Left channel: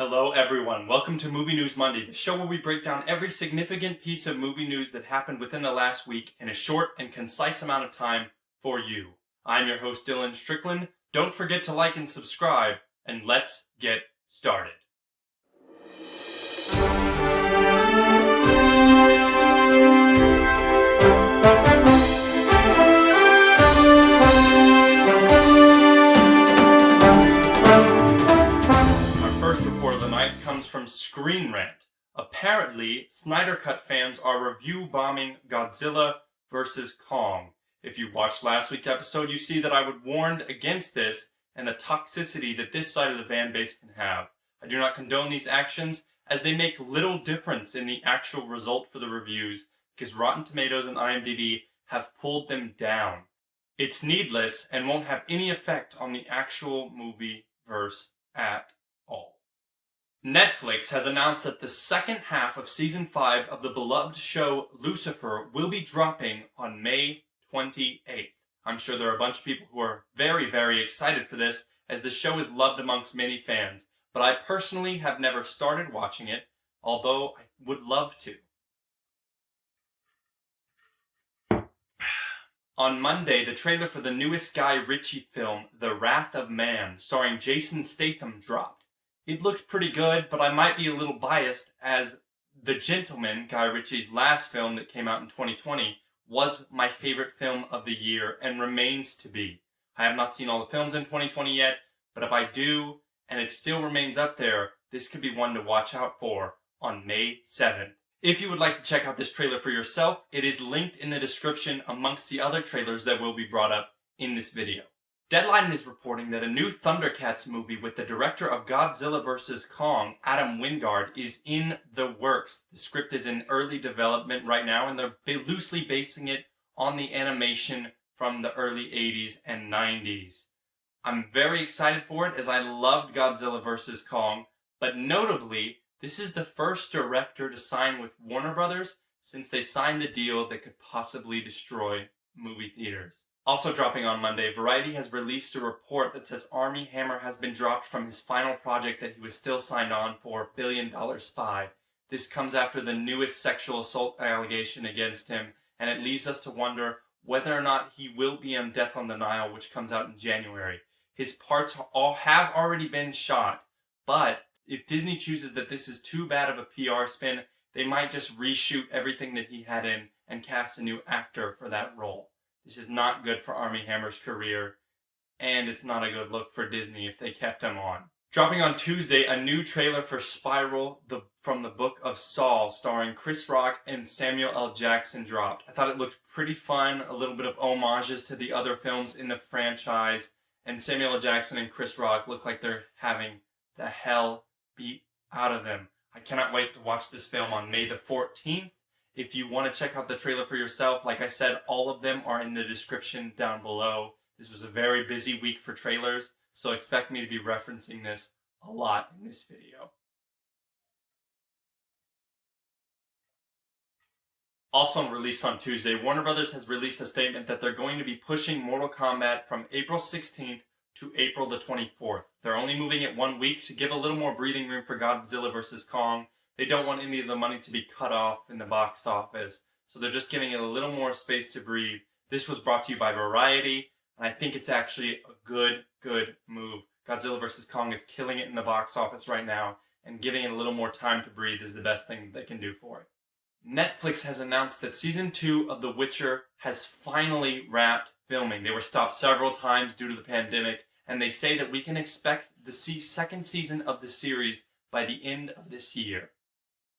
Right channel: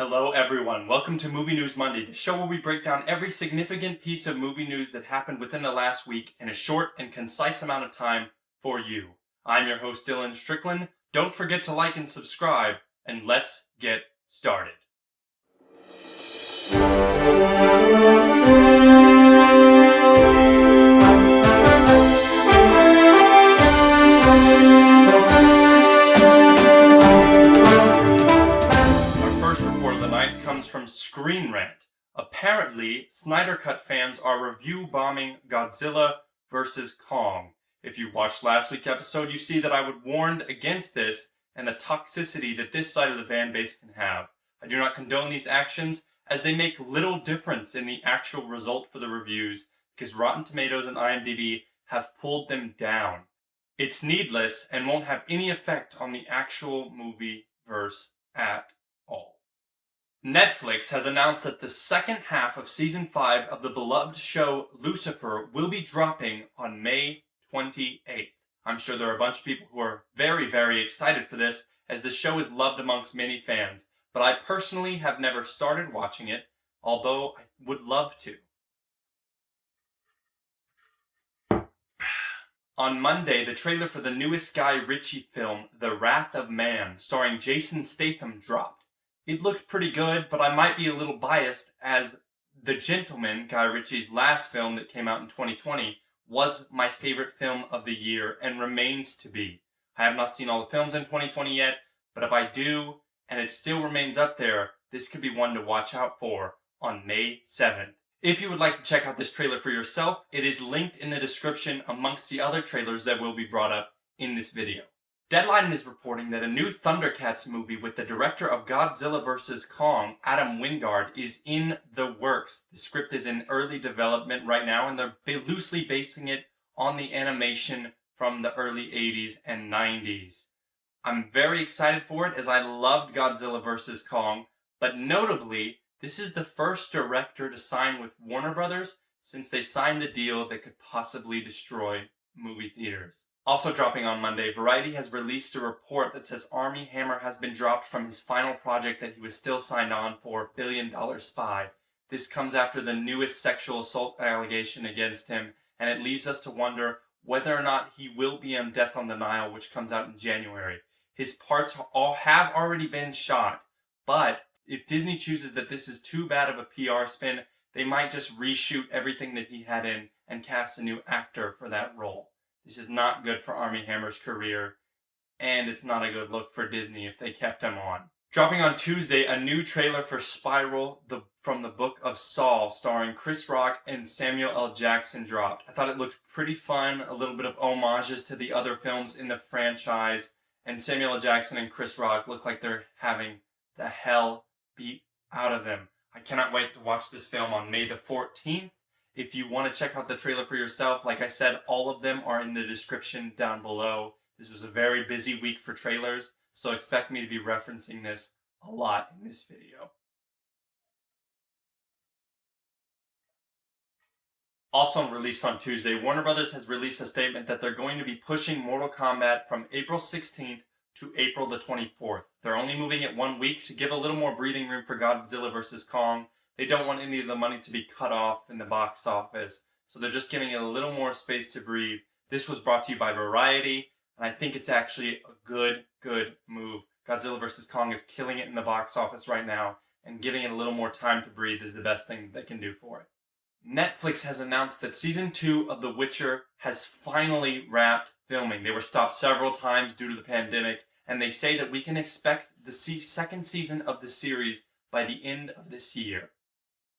Hello everyone, welcome to Movie News Monday, the show where we break down every significant piece of movie news that happened within the last week in a short and concise amount of time for you. I'm your host Dylan Strickland. Don't forget to like and subscribe, and let's get started. Comes from Screen Rant. Apparently, Snyder Cut fans are review bombing Godzilla vs. Kong. If you watched last week's episode, you see that I would warned against this and the toxicity that this side of the fan base can have. I do not condone these actions, as they make little difference in the actual result for the reviews, because Rotten Tomatoes and IMDb have pulled them down. It's needless and won't have any effect on the actual movie verse at all. Netflix has announced that the second half of Season 5 of the beloved show Lucifer will be dropping on May 28th. I'm sure there are a bunch of people who are very, very excited for this, as the show is loved amongst many fans, but I personally have never started watching it, although I would love to. On Monday, the trailer for the newest Guy Ritchie film, The Wrath of Man, starring Jason Statham, dropped. It looked pretty good, but I might be a little biased, as The Gentleman, Guy Ritchie's last film that came out in 2020, was my favorite film of the year and remains to be. I have not seen all the films in 2020 yet, but if I do, and it still remains up there, this could be one to watch out for on May 7th. If you would like to check out this trailer for yourself, it is linked in the description amongst the other trailers that will be brought up in this video. Deadline is reporting that a new Thundercats movie with the director of Godzilla vs. Kong, Adam Wingard, is in the works. The script is in early development right now, and they're loosely basing it on the animation from the early 80s and 90s. I'm very excited for it, as I loved Godzilla vs. Kong, but notably, this is the first director to sign with Warner Brothers since they signed the deal that could possibly destroy movie theaters. Also dropping on Monday, Variety has released a report that says Armie Hammer has been dropped from his final project that he was still signed on for, $1 Billion Spy. This comes after the newest sexual assault allegation against him, and it leaves us to wonder whether or not he will be on Death on the Nile, which comes out in January. His parts all have already been shot, but if Disney chooses that this is too bad of a PR spin, they might just reshoot everything that he had in and cast a new actor for that role. This is not good for Armie Hammer's career, and it's not a good look for Disney if they kept him on. Dropping on Tuesday, a new trailer for Spiral from the Book of Saul, starring Chris Rock and Samuel L. Jackson, dropped. I thought it looked pretty fun, a little bit of homages to the other films in the franchise, and Samuel L. Jackson and Chris Rock look like they're having the hell beat out of them. I cannot wait to watch this film on May the 14th. If you want to check out the trailer for yourself, like I said, all of them are in the description down below. This was a very busy week for trailers, so expect me to be referencing this a lot in this video. Also released on Tuesday, Warner Brothers has released a statement that they're going to be pushing Mortal Kombat from April 16th to April the 24th. They're only moving it 1 week to give a little more breathing room for Godzilla vs. Kong. They don't want any of the money to be cut off in the box office, so they're just giving it a little more space to breathe. This was brought to you by Variety, and I think it's actually a good move. Godzilla vs. Kong is killing it in the box office right now, and giving it a little more time to breathe is the best thing they can do for it. Netflix has announced that Season 2 of The Witcher has finally wrapped filming. They were stopped several times due to the pandemic, and they say that we can expect the second season of the series by the end of this year.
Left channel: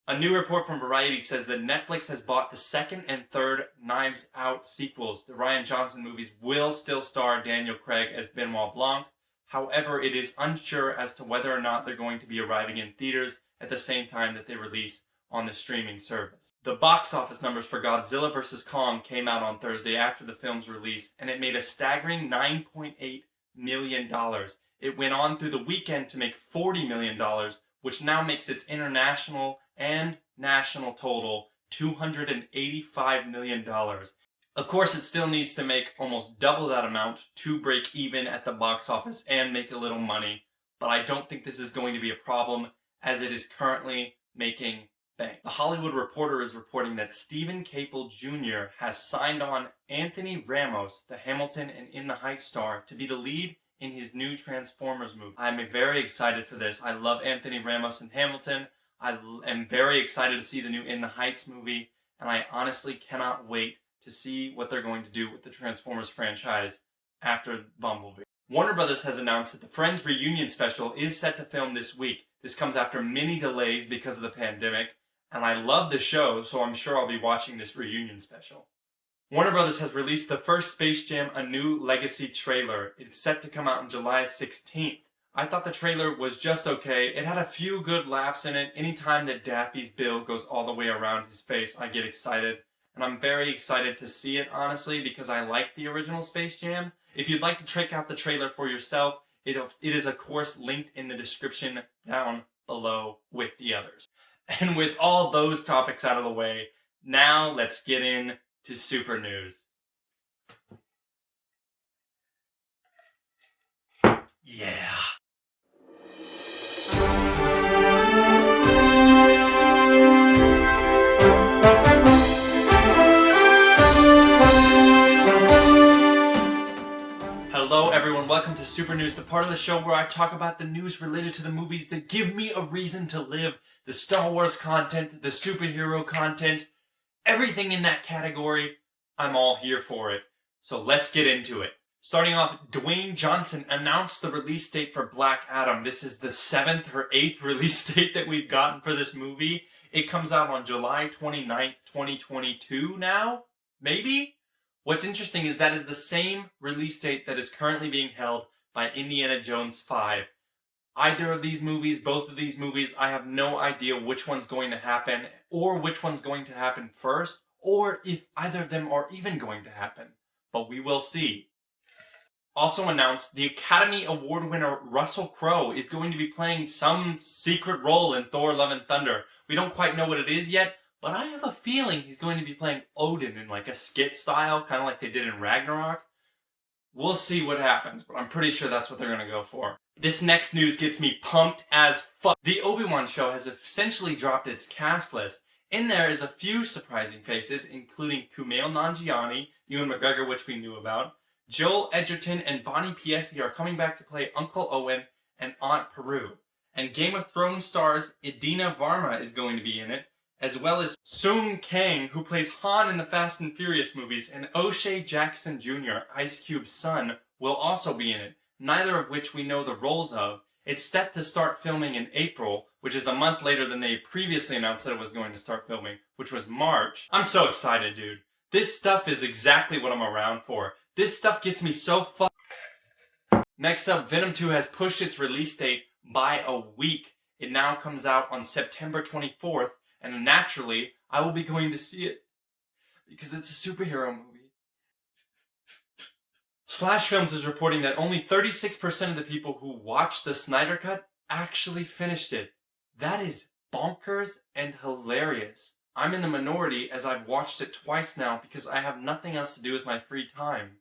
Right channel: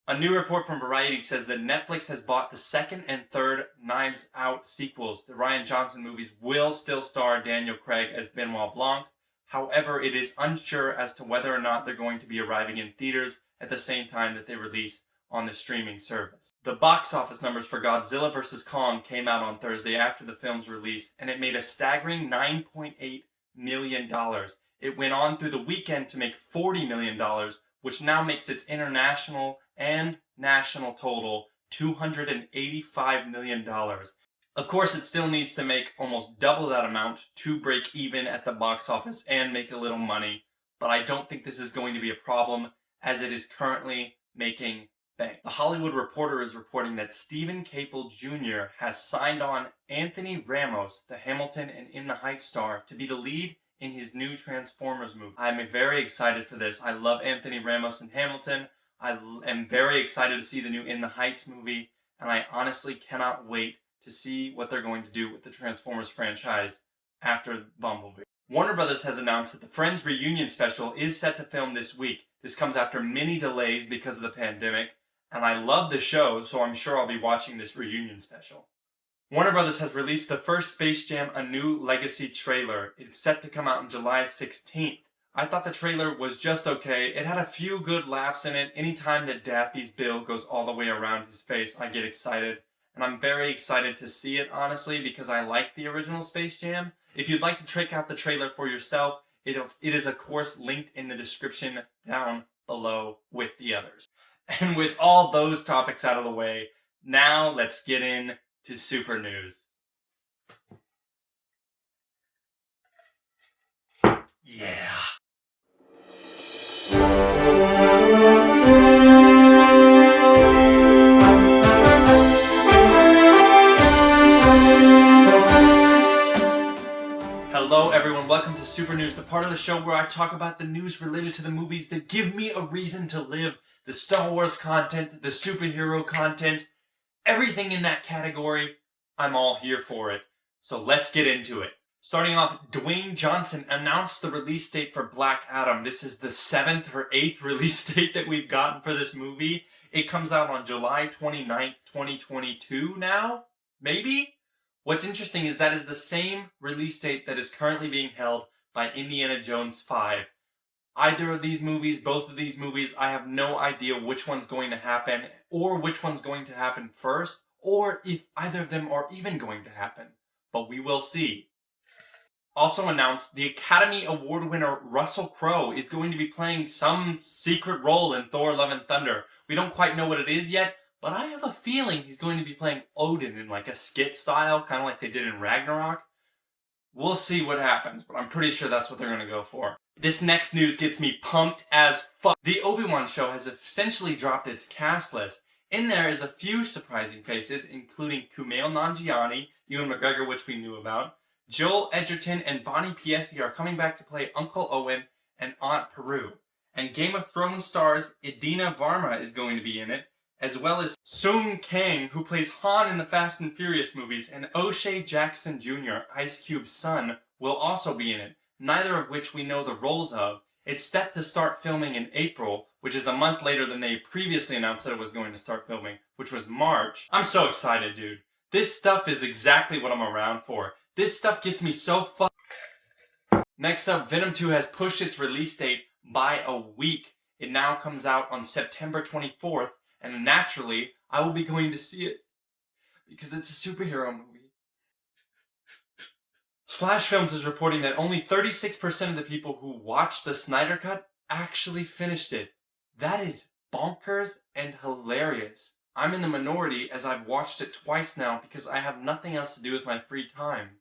A new report from Variety says that Netflix has bought the second and third Knives Out sequels. The Rian Johnson movies will still star Daniel Craig as Benoit Blanc. However, it is unsure as to whether or not they're going to be arriving in theaters at the same time that they release on the streaming service. The box office numbers for Godzilla vs. Kong came out on Thursday after the film's release, and it made a staggering $9.8 million. It went on through the weekend to make $40 million, which now makes its international and national total $285 million. Of course, it still needs to make almost double that amount to break even at the box office and make a little money, but I don't think this is going to be a problem, as it is currently making bank. The Hollywood Reporter is reporting that Stephen Caple Jr. has signed on Anthony Ramos, the Hamilton and In the Heights star, to be the lead in his new Transformers movie. I'm very excited for this. I love Anthony Ramos and Hamilton. I am very excited to see the new In the Heights movie, and I honestly cannot wait to see what they're going to do with the Transformers franchise after Bumblebee. Warner Brothers has announced that the Friends reunion special is set to film this week. This comes after many delays because of the pandemic, and I love the show, so I'm sure I'll be watching this reunion special. Warner Brothers has released the first Space Jam: A New Legacy trailer. It's set to come out on July 16th. I thought the trailer was just okay. It had a few good laughs in it. Anytime that Daffy's bill goes all the way around his face, I get excited. And I'm very excited to see it, honestly, because I like the original Space Jam. If you'd like to check out the trailer for yourself, it is, of course, linked in the description down below with the others. And with all those topics out of the way, now let's get into Super News. Yeah. Hello everyone, welcome to Super News, the part of the show where I talk about the news related to the movies that give me a reason to live. The Star Wars content, the superhero content, everything in that category, I'm all here for it. So let's get into it. Starting off, Dwayne Johnson announced the release date for Black Adam. This is the 7th or 8th release date that we've gotten for this movie. It comes out on July 29th, 2022 now? Maybe? What's interesting is that is the same release date that is currently being held by Indiana Jones 5. Either of these movies, both of these movies, I have no idea which one's going to happen, or which one's going to happen first, or if either of them are even going to happen. But we will see. Also announced, the Academy Award winner Russell Crowe is going to be playing some secret role in Thor: Love and Thunder. We don't quite know what it is yet, but I have a feeling he's going to be playing Odin in like a skit style, kind of like they did in Ragnarok. We'll see what happens, but I'm pretty sure that's what they're going to go for. This next news gets me pumped as fuck. The Obi-Wan show has essentially dropped its cast list. In there is a few surprising faces, including Kumail Nanjiani, Ewan McGregor, which we knew about. Joel Edgerton and Bonnie Piesse are coming back to play Uncle Owen and Aunt Peru. And Game of Thrones stars Idina Varma is going to be in it, as well as Sung Kang, who plays Han in the Fast and Furious movies, and O'Shea Jackson Jr., Ice Cube's son, will also be in it, neither of which we know the roles of. It's set to start filming in April, which is a month later than they previously announced that it was going to start filming, which was March. I'm so excited, dude. This stuff is exactly what I'm around for. This stuff gets me so fucked. Next up, Venom 2 has pushed its release date by a week. It now comes out on September 24th, and naturally, I will be going to see it because it's a superhero movie. Flash Films is reporting that only 36% of the people who watched the Snyder Cut actually finished it. That is bonkers and hilarious. I'm in the minority as I've watched it twice now because I have nothing else to do with my free time.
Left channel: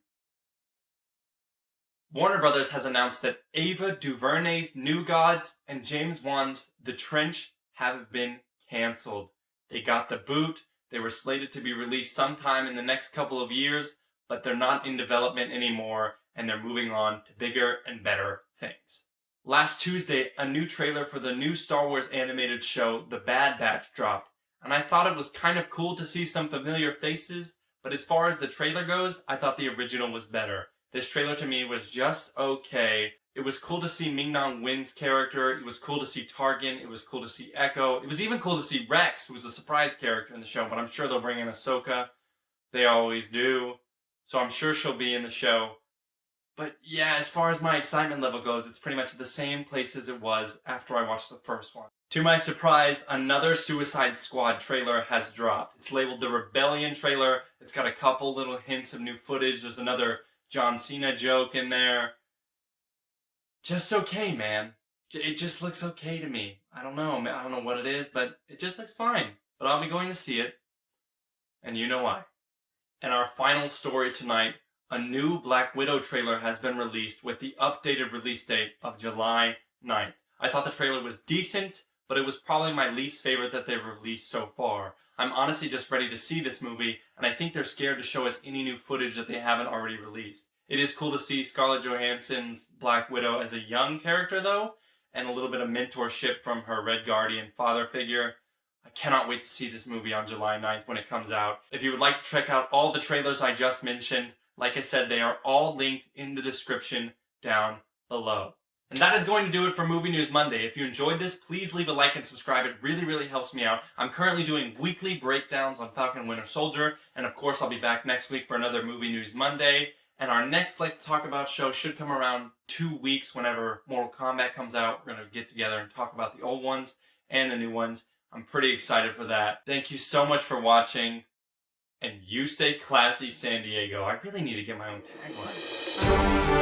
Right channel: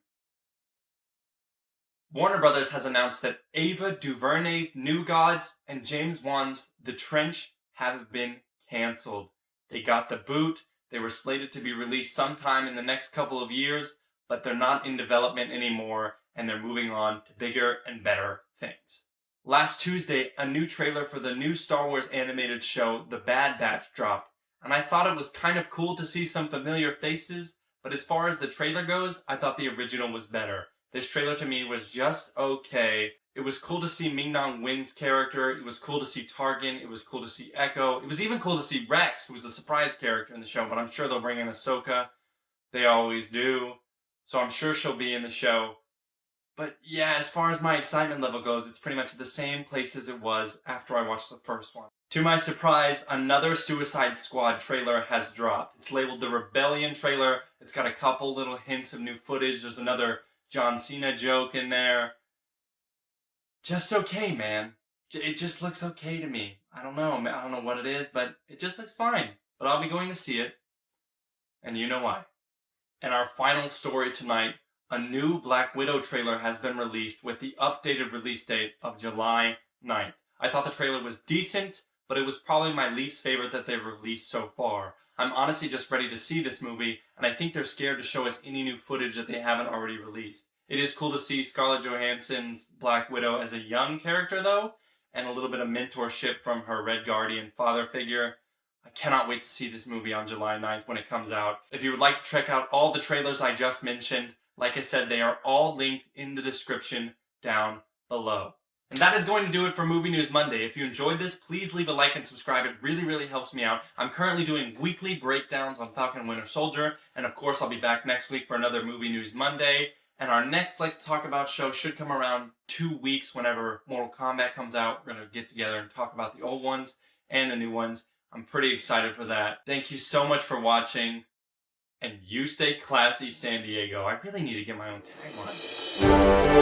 Warner Brothers has announced that Ava DuVernay's New Gods and James Wan's The Trench have been cancelled. They got the boot. They were slated to be released sometime in the next couple of years, but they're not in development anymore, and they're moving on to bigger and better things. Last Tuesday, a new trailer for the new Star Wars animated show, The Bad Batch, dropped, and I thought it was kind of cool to see some familiar faces, but as far as the trailer goes, I thought the original was better. This trailer to me was just okay. It was cool to see Ming-Na Wen's character. It was cool to see Tarkin. It was cool to see Echo. It was even cool to see Rex, who was a surprise character in the show, but I'm sure they'll bring in Ahsoka. They always do. So I'm sure she'll be in the show. But yeah, as far as my excitement level goes, it's pretty much the same place as it was after I watched the first one. To my surprise, another Suicide Squad trailer has dropped. It's labeled the Rebellion trailer. It's got a couple little hints of new footage. There's another John Cena joke in there. Just okay, man. It just looks okay to me. I don't know what it is, but it just looks fine. But I'll be going to see it. And you know why. And our final story tonight, a new Black Widow trailer has been released with the updated release date of July 9th. I thought the trailer was decent, but it was probably my least favorite that they've released so far. I'm honestly just ready to see this movie, and I think they're scared to show us any new footage that they haven't already released. It is cool to see Scarlett Johansson's Black Widow as a young character, though, and a little bit of mentorship from her Red Guardian father figure. I cannot wait to see this movie on July 9th when it comes out. If you would like to check out all the trailers I just mentioned, like I said, they are all linked in the description down below. And that is going to do it for Movie News Monday. If you enjoyed this, please leave a like and subscribe. It really, really helps me out. I'm currently doing weekly breakdowns on Falcon and Winter Soldier, and of course I'll be back next week for another Movie News Monday. And our next Let's Talk About show should come around 2 weeks whenever Mortal Kombat comes out. We're going to get together and talk about the old ones and the new ones. I'm pretty excited for that. Thank you so much for watching, and you stay classy, San Diego. I really need to get my own tagline.